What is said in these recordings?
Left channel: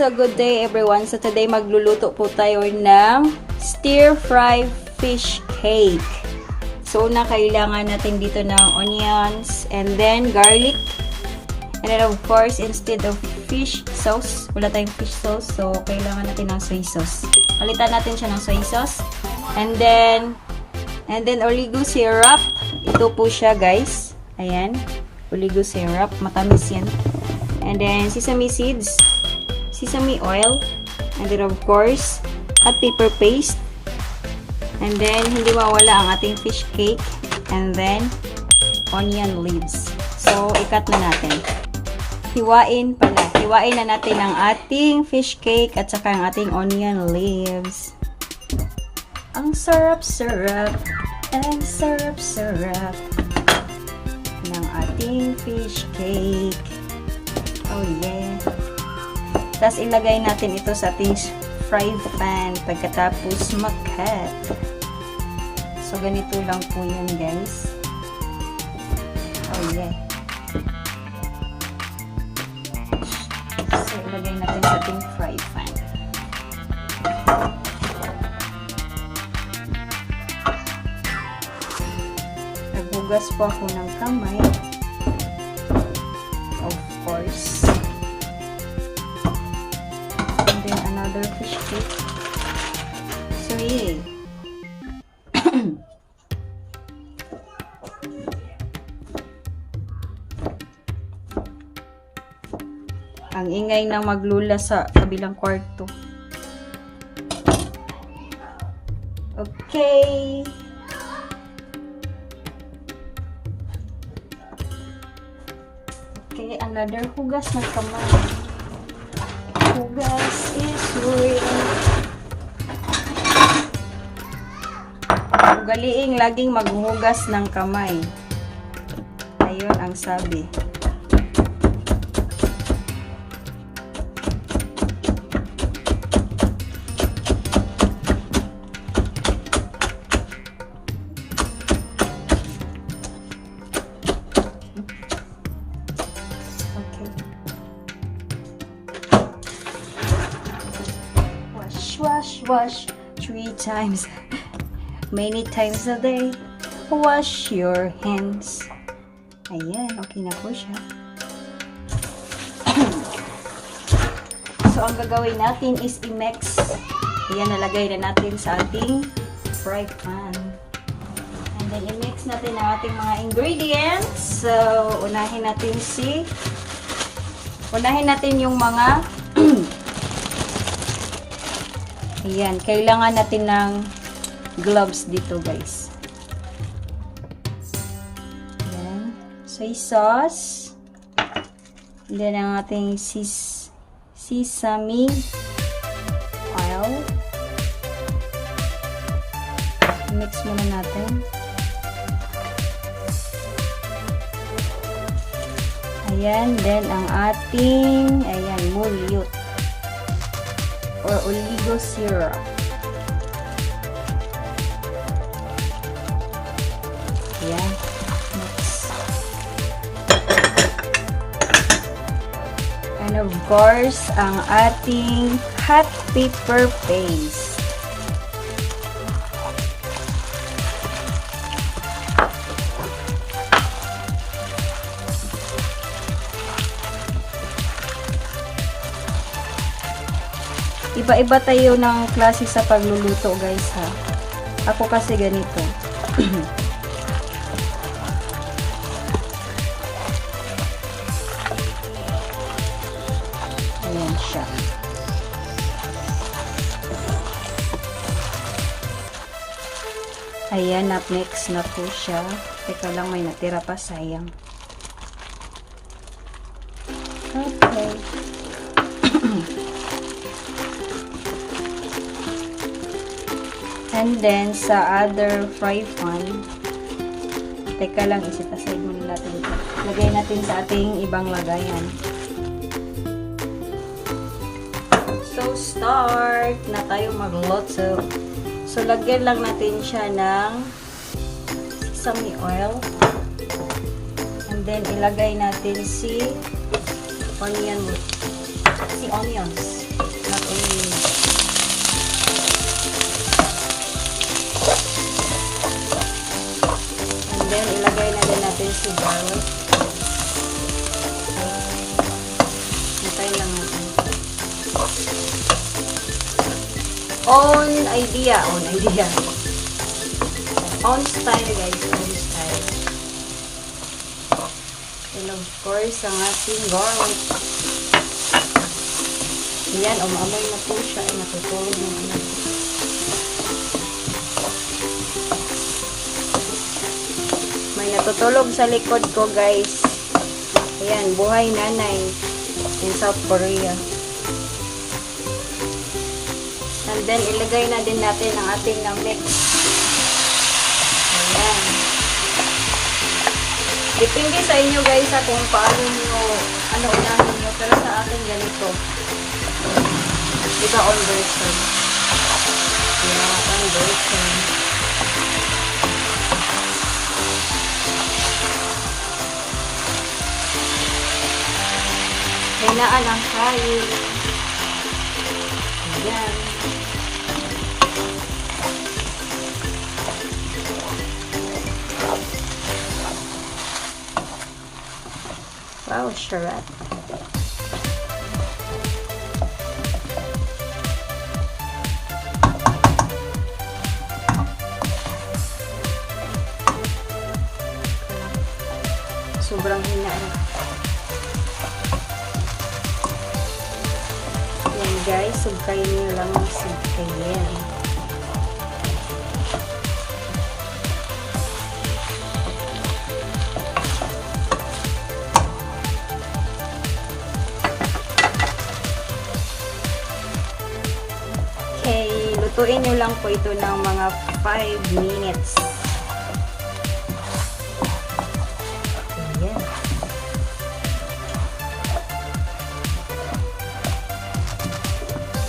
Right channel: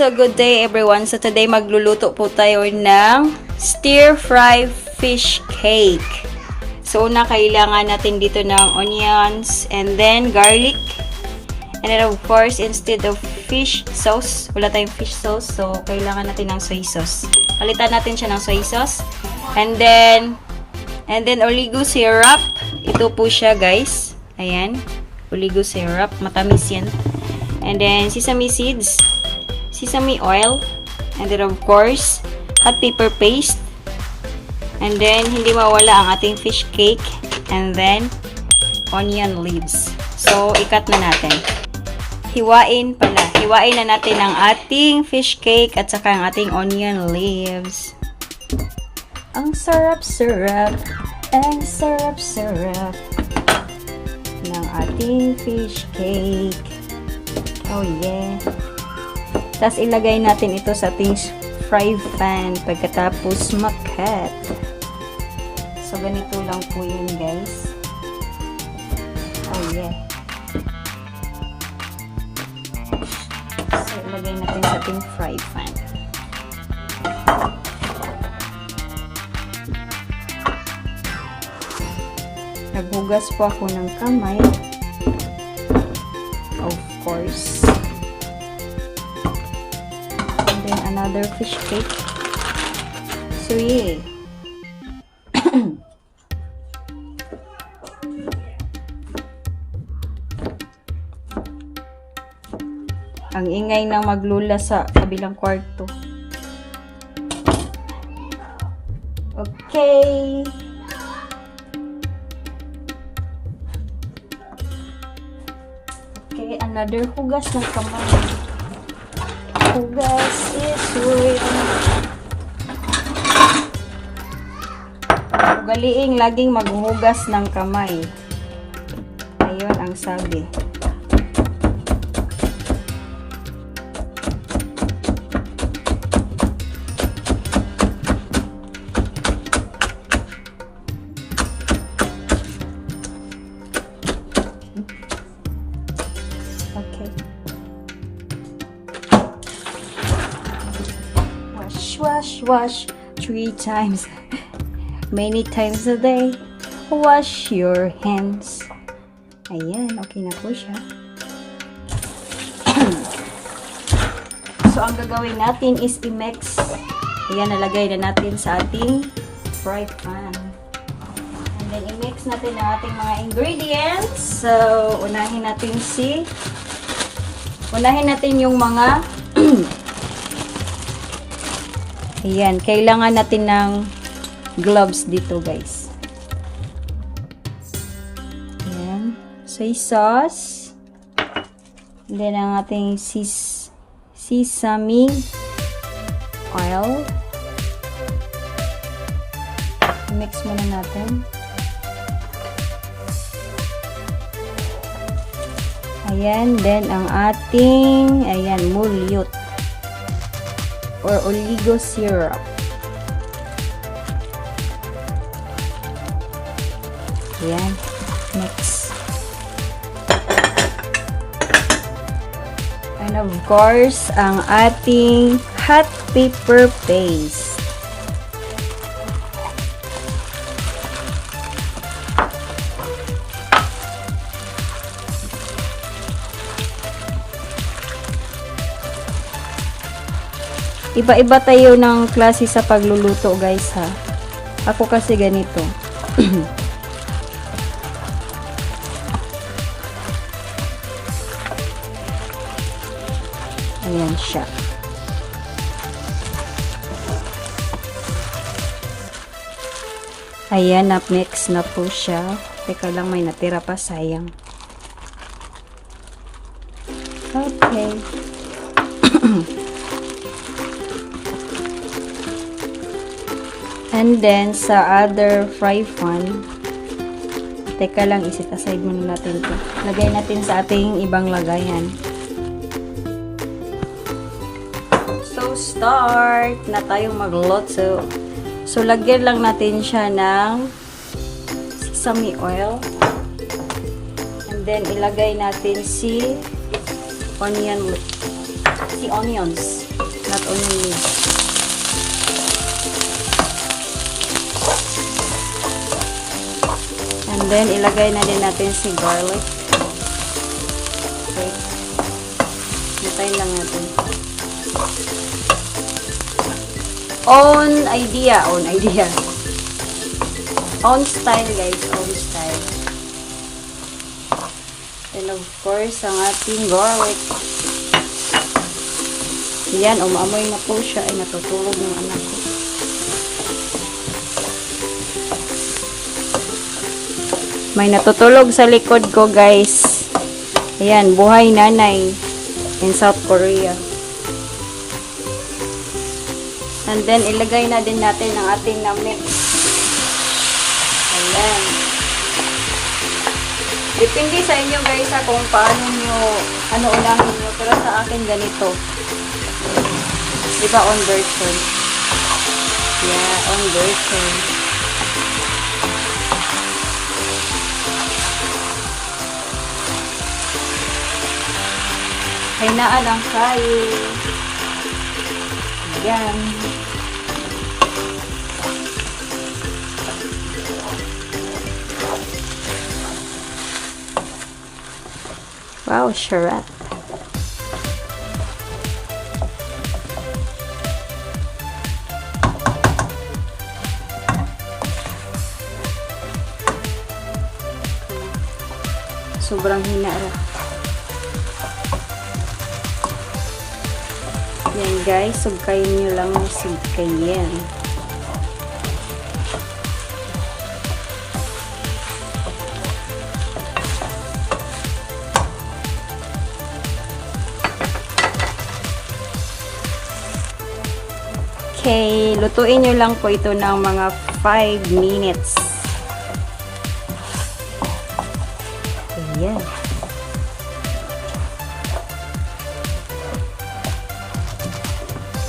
So good day everyone. So today magluluto po tayo ng stir-fry fish cake. So una kailangan natin dito ng onions and then garlic. And then of course instead of fish sauce, wala tayong fish sauce. So kailangan natin ng soy sauce. Palitan natin siya ng soy sauce. And then oligo syrup. Ito po siya guys. Ayan. Oligo syrup. Matamis yan. And then sesame seeds, sesame oil, and then of course hot pepper paste, and then hindi mawala ang ating fish cake, and then onion leaves. So ikat na natin. Hiwain na natin ang ating fish cake at saka ang ating onion leaves. Ang sarap-sarap, ang sarap-sarap ng ating fish cake. Oh yeah. Tapos ilagay natin ito sa ating fry pan pagkatapos makat. So ganito lang po yun guys. Oh yeah. So ilagay natin sa ating fry pan. Naghugas po ako ng kamay. Of course. And then another fish cake. So yeah. Ang ingay ng maglula sa kabilang kwarto. Okay. Okay, another hugas na kamay. Hugas is real. Ugaliing laging maghuhugas ng kamay. Ayun ang sabi. Wash 3 times, many times a day. Wash your hands. Ayan, okay na po siya. So ang gagawin natin is i-mix. Ayan, nalagay na natin sa ating fry pan. And then i-mix natin ang ating mga ingredients. So unahin natin yung mga ayan, kailangan natin ng gloves dito guys. Ayan, soy sauce. And then ang ating sesame oil. Mix muna natin. Ayan, then ang ating, ayan, mulyot or oligo syrup. Ayan, mix. And of course, ang ating hot pepper paste. Iba-iba tayo ng klase sa pagluluto guys ha. Ako kasi ganito. Ayan siya. Ayan, na-mix na po siya. Teka lang, may natira pa, sayang. Okay. And then, sa other fry pan, teka lang, isit aside muna natin ito. Lagay natin sa ating ibang lagayan. So, start na tayong magluto. So, lagyan lang natin siya ng sesame oil. And then, ilagay natin si onion Si onions. Not only. And then, ilagay na din natin si garlic. Okay. Hintayin lang natin. Own idea. Own style, guys. Own style. And of course, ang ating garlic. Ayan, umamoy na po siya. Ay, natutulog na. May natutulog sa likod ko, guys. Ayan, buhay nanay in South Korea. And then, ilagay na din natin ang ating na-mix. Ayan. Depende sa inyo, guys, kung paano nyo, ano unahin nyo. Pero sa akin, ganito. Diba, on version? Yeah, on version. Hinaan ang kain. Ayan. Wow, sarap. Sobrang hinaan. Yan guys, sugkayin nyo lang ang sugkayin. Okay, lutuin nyo lang po ito ng mga 5 minutes. Ayan.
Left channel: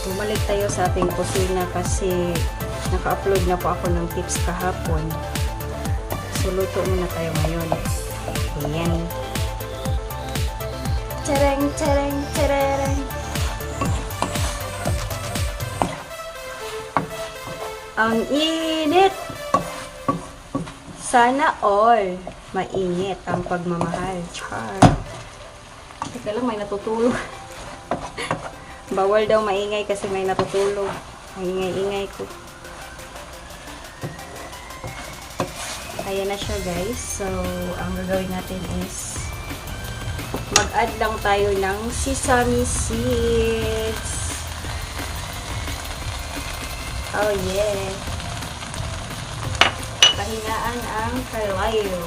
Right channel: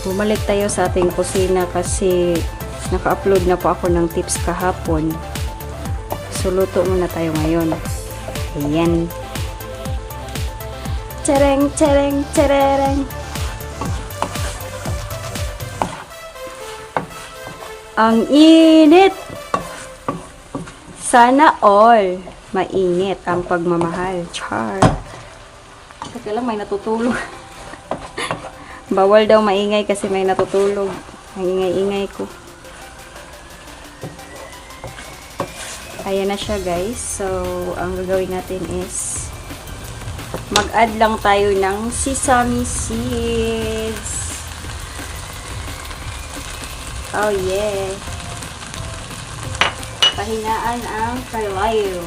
Bumalik tayo sa ating kusina kasi naka-upload na po ako ng tips kahapon. So, luto muna tayo ngayon. Ayan. Tarang, tarang, tarang. Ang init! Sana all mainit ang pagmamahal. Char. Teka lang, may natutulog. Bawal daw maingay kasi may natutulog. Maingay-ingay ko. Ayan na siya, guys. So, ang gagawin natin is mag-add lang tayo ng sesame seeds. Oh, yeah. Kahinaan ang kalayo.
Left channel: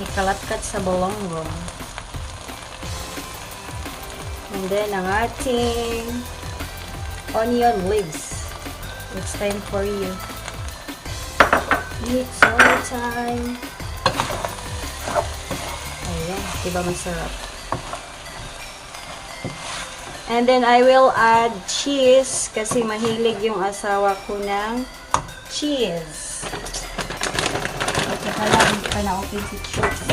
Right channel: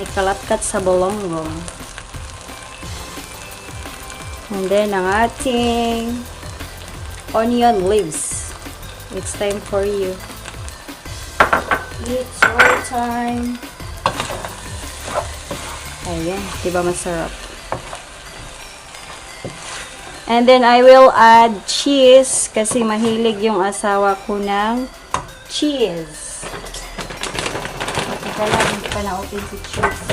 Ikalatkat sa bolongo. And then, ang ating onion leaves. It's time for you. It's your time. Ayan. Diba masarap? And then, I will add cheese kasi mahilig yung asawa ko ng cheese. Ito pala, hindi pa na-open si cheese.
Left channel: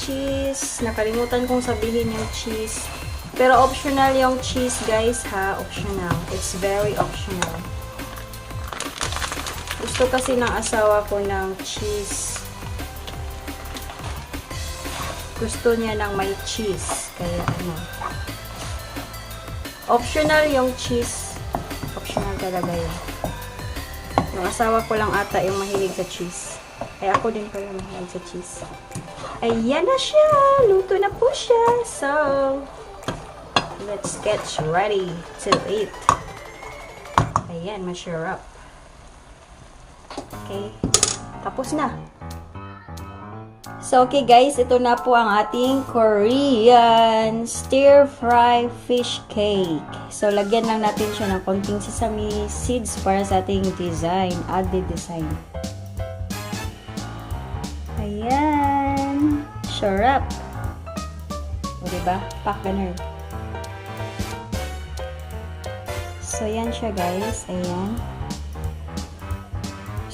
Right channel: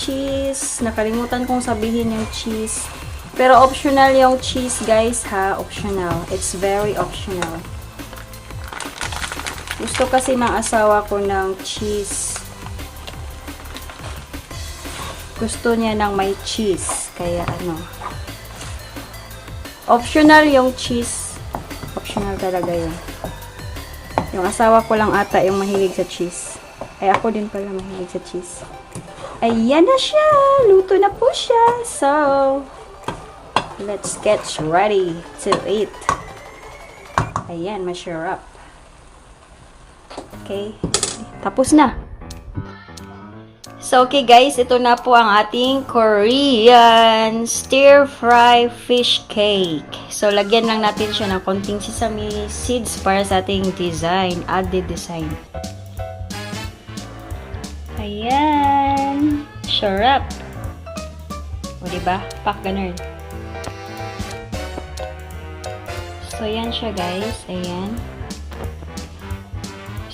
Cheese. Nakalimutan kong sabihin yung cheese. Pero optional yung cheese, guys, ha? Optional. It's very optional. Gusto kasi ng asawa ko ng cheese. Gusto niya ng may cheese. Kaya, ano. Optional yung cheese. Optional talaga yun. Yung asawa ko lang ata yung mahilig sa cheese. Ay, ako din pala mahilig sa cheese. Ayan na siya! Luto na po siya. So, let's get ready to eat. Ayan, masarap. Okay. Tapos na. So, okay guys, ito na po ang ating Korean stir-fry fish cake. So, lagyan lang natin siya ng konting sesame seeds para sa ating design, added design. Ayan. Sarap. O, diba? Pak ganun. So, yan siya guys. Ayan.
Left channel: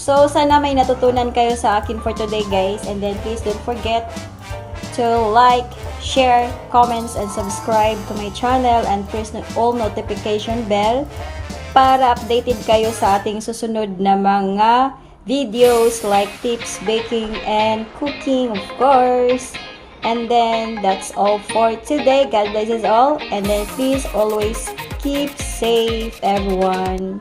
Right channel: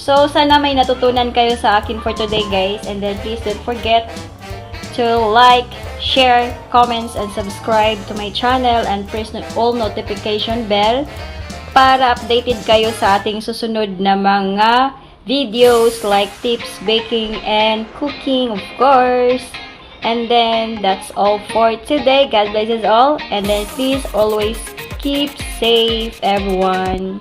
So, sana may natutunan kayo sa akin for today, guys. And then, please don't forget to like, share, comments, and subscribe to my channel and press all notification bell para updated kayo sa ating susunod na mga videos like tips, baking, and cooking, of course. And then, that's all for today. God bless us all. And then, please always keep safe, everyone.